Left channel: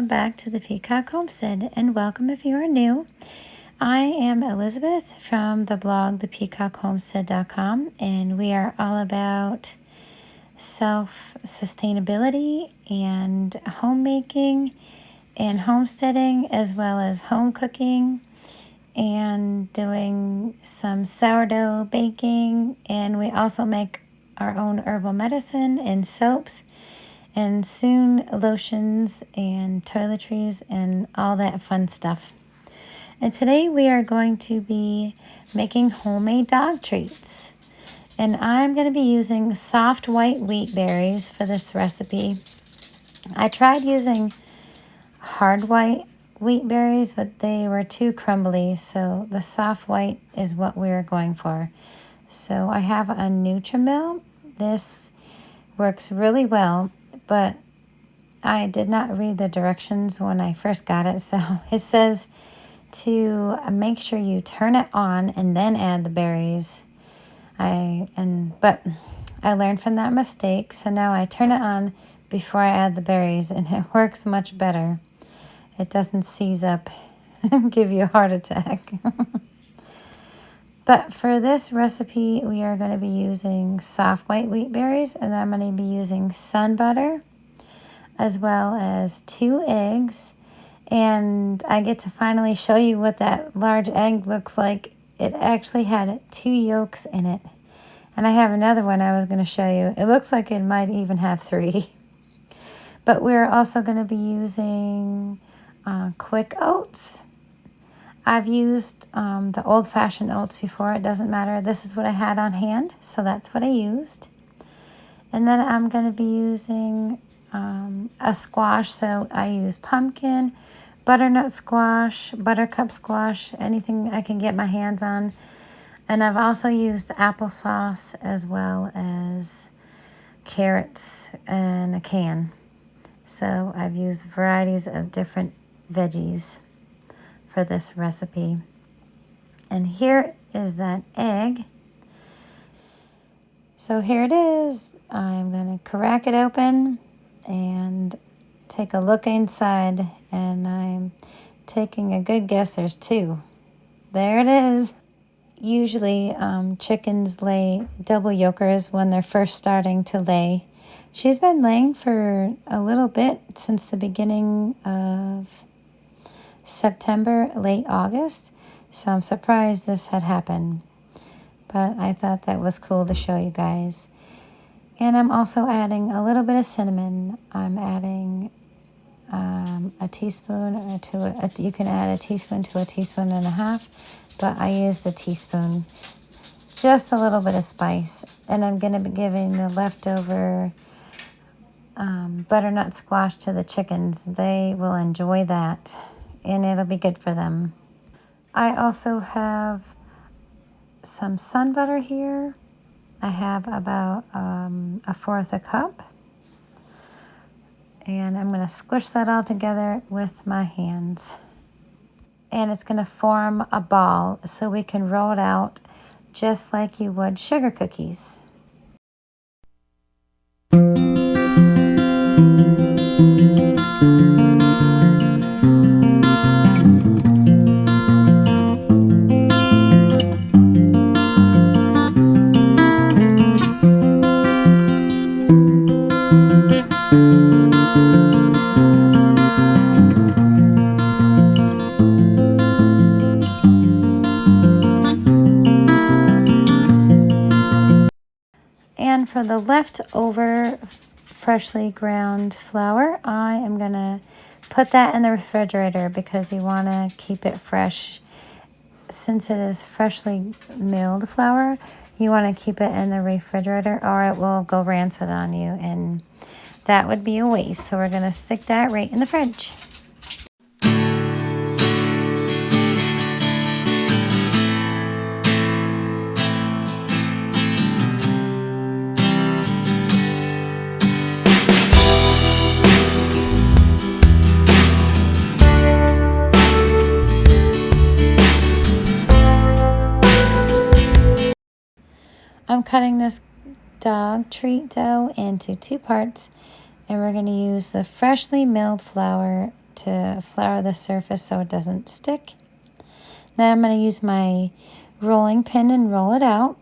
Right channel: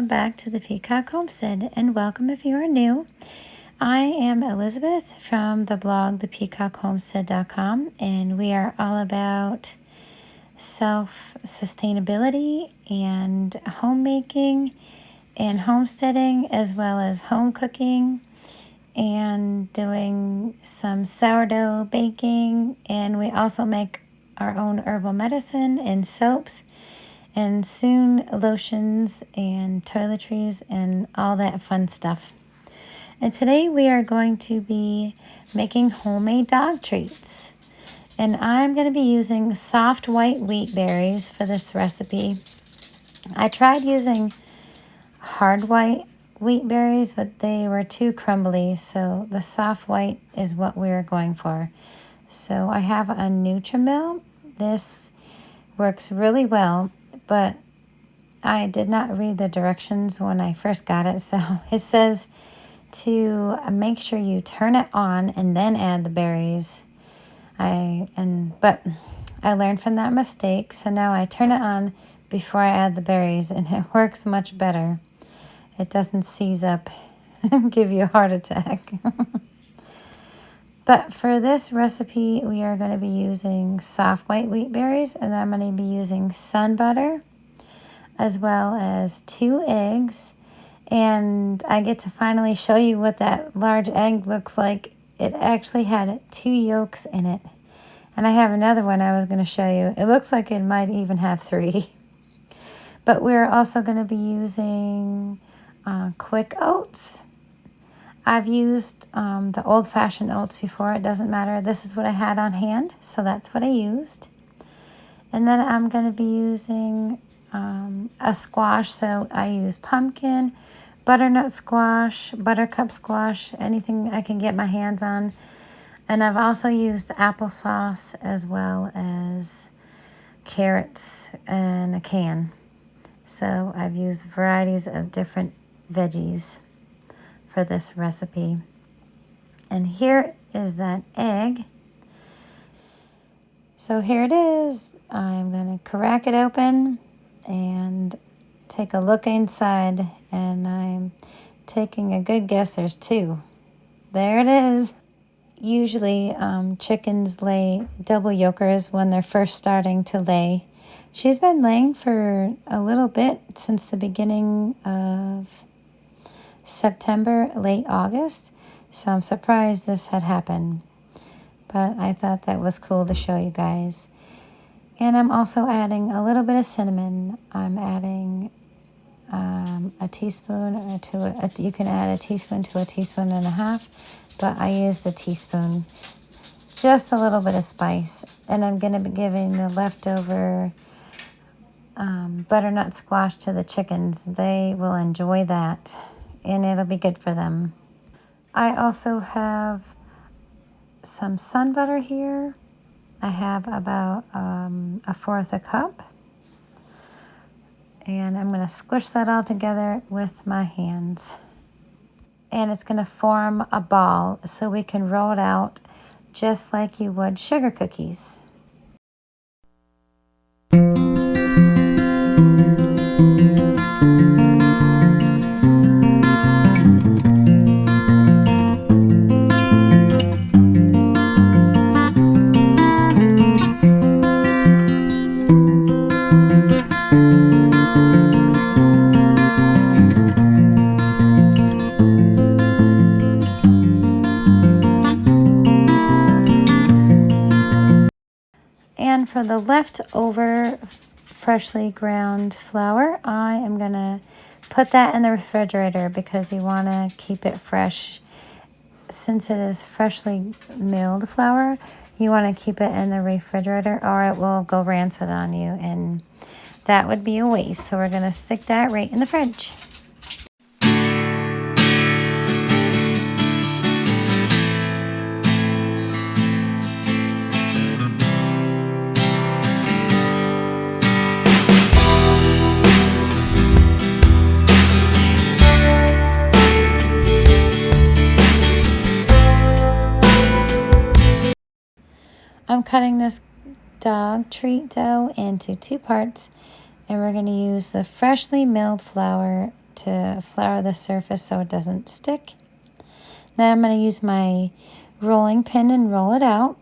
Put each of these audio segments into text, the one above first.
welcome back to the Peacock Homestead, and welcome if you are new. I am Elizabeth from the blog thepeacockhomestead.com, and we are all about self-sustainability and homemaking and homesteading, as well as home cooking and doing some sourdough baking, and we also make our own herbal medicine and soaps and soon lotions and toiletries and all that fun stuff. And today we are going to be making homemade dog treats. And I'm going to be using soft white wheat berries for this recipe. I tried using hard white wheat berries, but they were too crumbly, so the soft white is what we're going for. So I have a Nutrimil. This works really well, but I did not read the directions when I first got it. So it says to make sure you turn it on and then add the berries. But I learned from that mistake, so now I turn it on before I add the berries, and it works much better. It doesn't seize up and give you a heart attack. But for this recipe, we are going to be using soft white wheat berries, and I'm going to be using sun butter, as well as 2 eggs. And I get to finally show you what that large egg looks like. It actually had 2 yolks in it. And I have another one I was going to show you. It looks like it might even have 3. But we're also going to be using quick oats. I've used the old-fashioned oats before. It doesn't matter. This is what I had on hand, so that's what I used. And then I'm going to be using a squash. So I use pumpkin, butternut squash, buttercup squash, anything I can get my hands on. And I've also used applesauce as well as carrots in a can. So I've used varieties of different veggies for this recipe. And here is that egg. So here it is. I'm going to crack it open and take a look inside, and I'm taking a good guess there's 2. There it is. Usually chickens lay double yolkers when they're first starting to lay. She's been laying for a little bit since the beginning of September, late August, so I'm surprised this had happened, but I thought that was cool to show you guys. And I'm also adding a little bit of cinnamon. I'm adding a teaspoon or you can add a teaspoon to a teaspoon and a half, but I used a teaspoon, just a little bit of spice. And I'm going to be giving the leftover butternut squash to the chickens. They will enjoy that, and it'll be good for them. I also have some sun butter here. I have about 1/4 cup. And I'm going to squish that all together with my hands. And it's going to form a ball so we can roll it out just like you would sugar cookies. And for the leftover freshly ground flour, I am going to put that in the refrigerator because you want to keep it fresh. Since it is freshly milled flour, you want to keep it in the refrigerator or it will go rancid on you, and that would be a waste. So we're going to stick that right in the fridge. I'm cutting this dog treat dough into 2 parts, and we're going to use the freshly milled flour to flour the surface so it doesn't stick. Then I'm going to use my rolling pin and roll it out.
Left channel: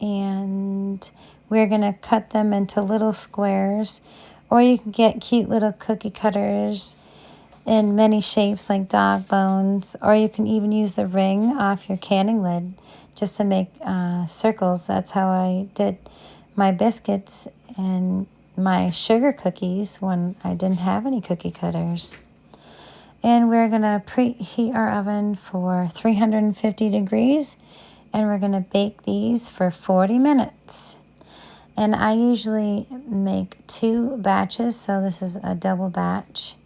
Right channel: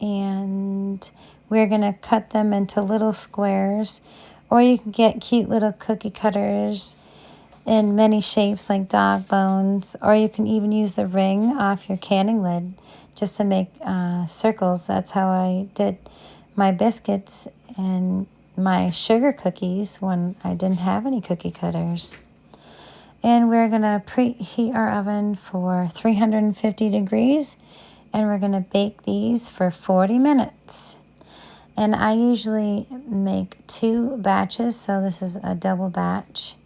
And we're going to cut them into little squares. Or you can get cute little cookie cutters in many shapes like dog bones. Or you can even use the ring off your canning lid just to make circles. That's how I did my biscuits and my sugar cookies when I didn't have any cookie cutters. And we're going to preheat our oven for 350 degrees. And we're going to bake these for 40 minutes. And I usually make 2 batches, so this is a double batch.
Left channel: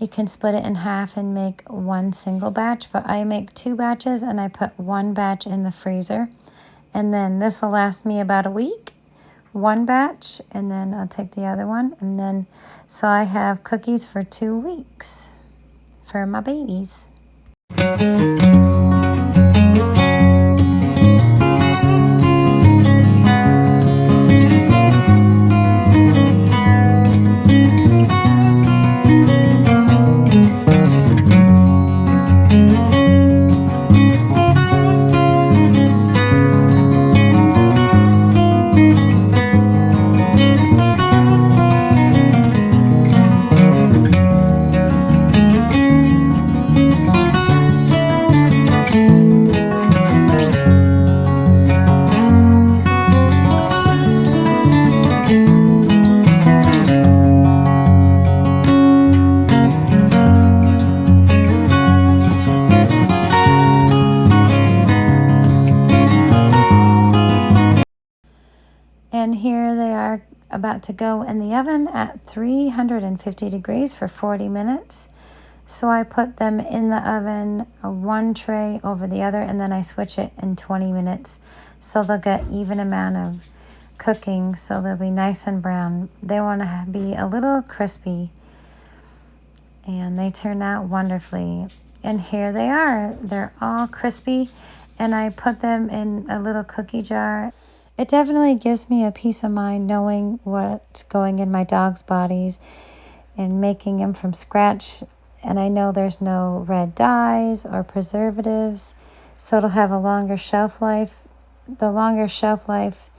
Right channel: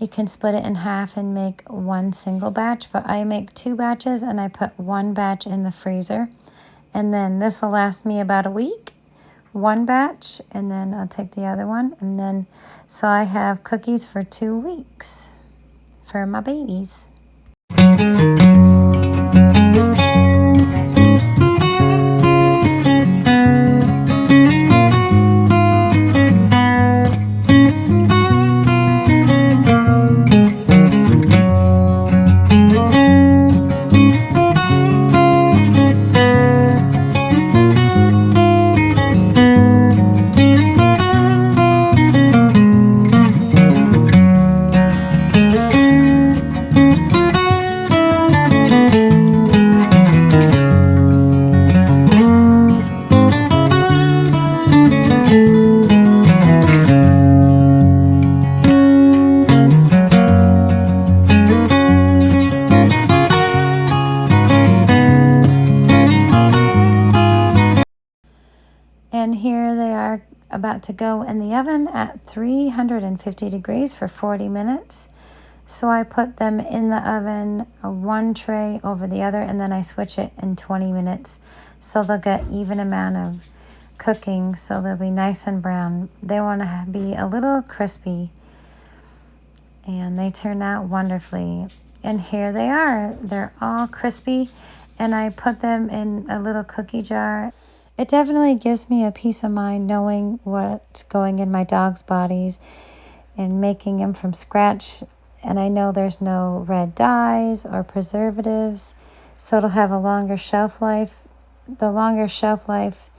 You can split it in half and make 1 single batch, but I make 2 batches and I put 1 batch in the freezer. And then this will last me about a week. 1 batch, and then I'll take the other one. And then, so I have cookies for 2 weeks for my babies. And here they are about to go in the oven at 350 degrees for 40 minutes. So I put them in the oven, one tray over the other, and then I switch it in 20 minutes. So they'll get even amount of cooking, so they'll be nice and brown. They want to be a little crispy. And they turn out wonderfully. And here they are. They're all crispy. And I put them in a little cookie jar. It definitely gives me a peace of mind knowing what's going in my dog's bodies and making them from scratch. And I know there's no red dyes or preservatives, so it'll have a longer shelf life. The longer shelf life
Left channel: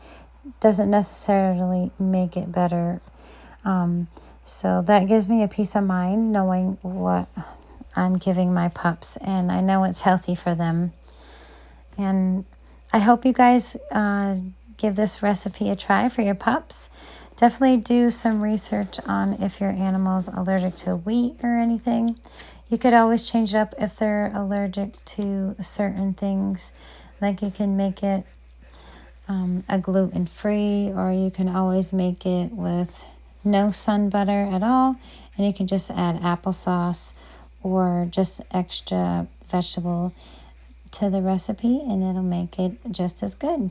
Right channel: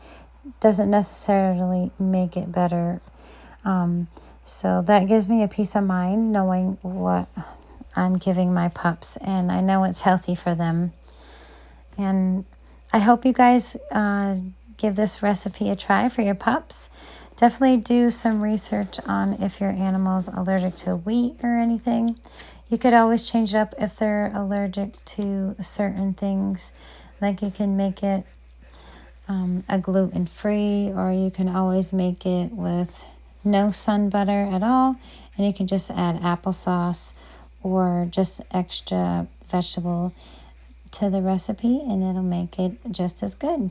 doesn't necessarily make it better. So that gives me a peace of mind knowing what I'm giving my pups, and I know it's healthy for them. And I hope you guys give this recipe a try for your pups. Definitely do some research on if your animal's allergic to wheat or anything. You could always change it up if they're allergic to certain things. Like you can make it a gluten-free, or you can always make it with no sun butter at all. And you can just add applesauce or just extra vegetable to the recipe, and it'll make it just as good.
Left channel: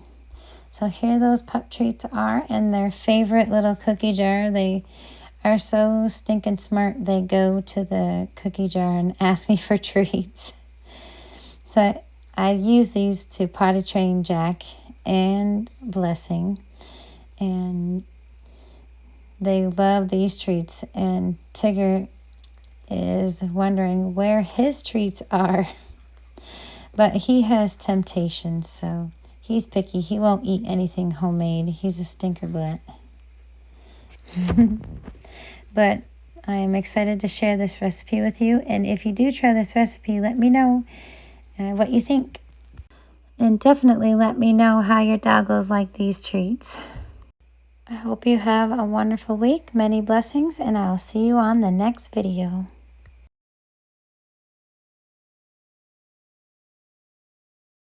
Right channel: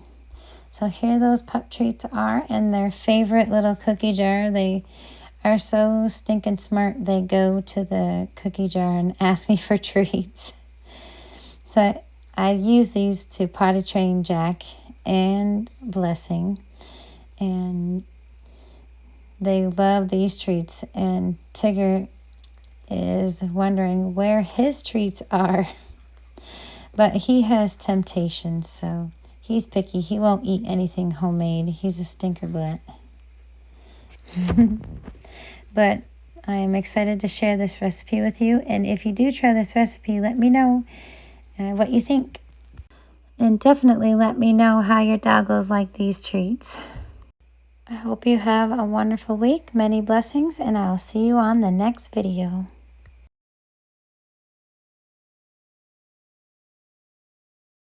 So here those pup treats are in their favorite little cookie jar. They are so stinking smart. They go to the cookie jar and ask me for treats. So I use these to potty train Jack and Blessing. And they love these treats. And Tigger is wondering where his treats are. But he has temptations, so he's picky. He won't eat anything homemade. He's a stinker butt. But I am excited to share this recipe with you. And if you do try this recipe, let me know what you think. And definitely let me know how your doggos like these treats. I hope you have a wonderful week. Many blessings, and I'll see you on the next video.